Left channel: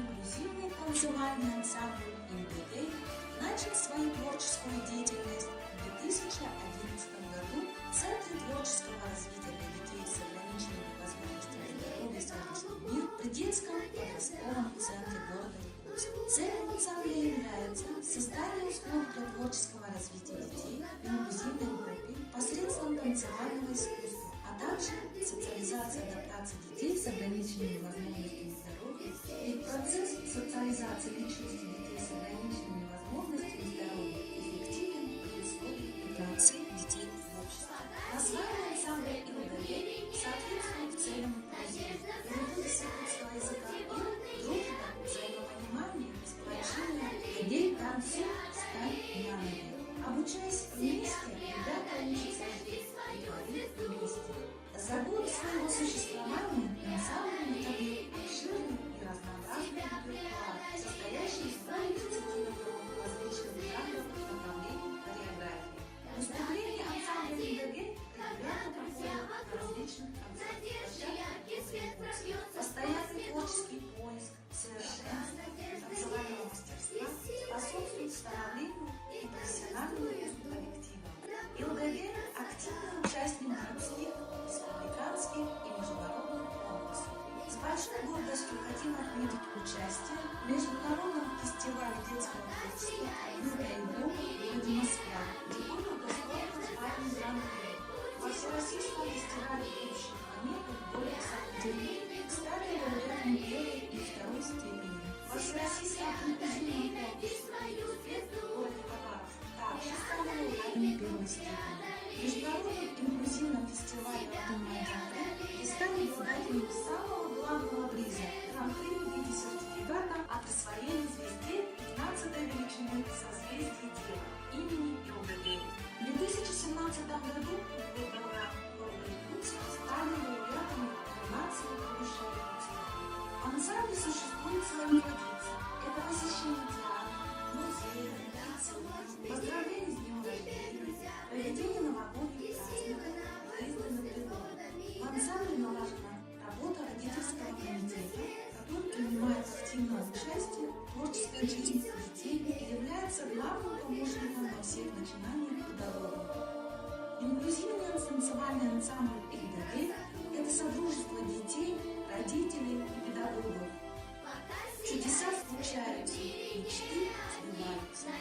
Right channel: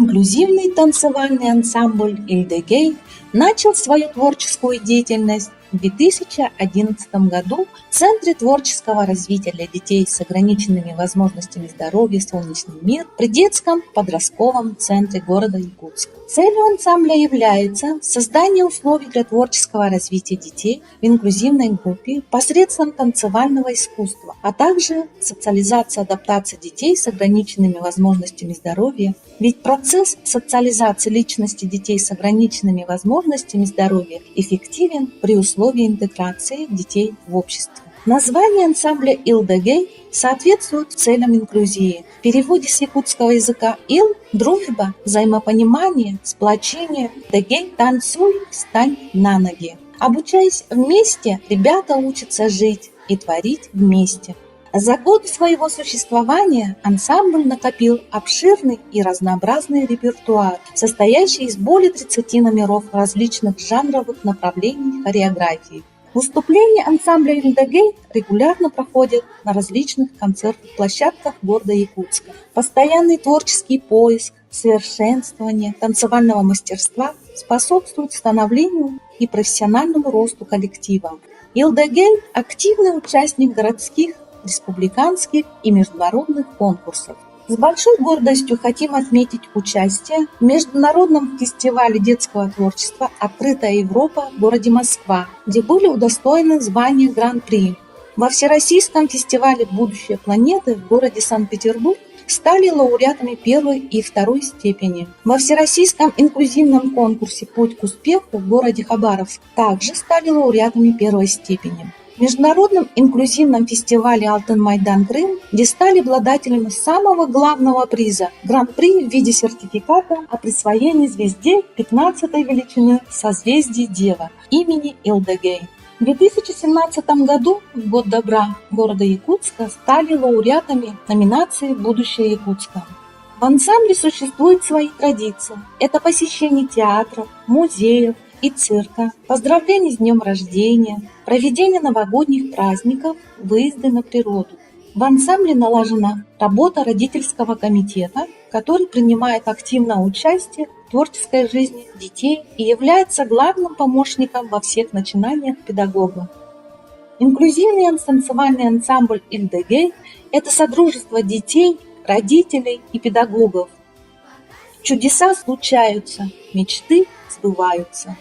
Инклюзивный танцевальный ансамбль «Ильдегей» начал свою творческую деятельность в 2011 году в Центре творческого развития для детей с ограниченными возможностями здоровья «Солнечный мир» при детском подростковом центре города Якутска. Целью ансамбля является создание условий для творческого развития детей в инклюзивной группе посредством танцевального искусства, а также социализация и адаптация детей с ограниченными возможностями здоровья, ведь процесс социализации личности детей с ограниченными возможностями здоровья эффективен при условии интеграции детей в общество. Название ансамбля «Ильдегей» соответствует целям инклюзии. В переводе с якутского языка «ил» – дружба, взаимопонимание, сплочение, «дегей» – танцуй, встань на ноги. Обучаясь вместе, ребята учатся жить и творить вместе. За годы своего существования ансамбль накопил обширный и разнообразный репертуар, состоящий из более 30 номеров различных жанровых направлений хореографии. Выступления ансамбля «Ильдегей» регулярно проходят на различных концертных площадках города Якутска. Постоянный творческий поиск, совершенствование танцевального мастерства способствует становлению и профессиональному росту коллектива. «Ильдегей» – активный участник городских, республиканских и международных конкурсов. С большой гордостью хотим отметить участие в Международном фестивале детского творчества «Открытая Европа» в городе Москва, где были удостоены звания Гран-при. Во Всероссийском фестивале «Будущее планеты» в городе Санкт-Петербург стали лауреатами первой и второй степени. Во Всероссийском инклюзивном конкурсе «Путь к успеху» в городе Хабаровск также стали лауреатами первой степени. В Международном инклюзивном фестивале «Алтын-Майдан Крым», где стали обладателями самого главного приза – гран-при в виде сертификата о присвоении звезде 15-й величины созвездия Дева имени Ильдегей. В 2017 году, в год добра города Якутска, стали лауреатами номинации «Будущее Якутска». В ансамбле существуют свои традиции. Это посещение театров, музеев и цирка, поздравления с днем рождения, проведение новогодних праздников, выезды на природу. В ансамбле налажена работа родительского комитета, который принимает активное участие в творческой жизни детей и является главным помощником во всех начинаниях педагога. Инклюзивный танцевальный ансамбль «Ильдегей» – это содружество детей, родителей и педагогов. Чудеса случаются, мечты сбываются.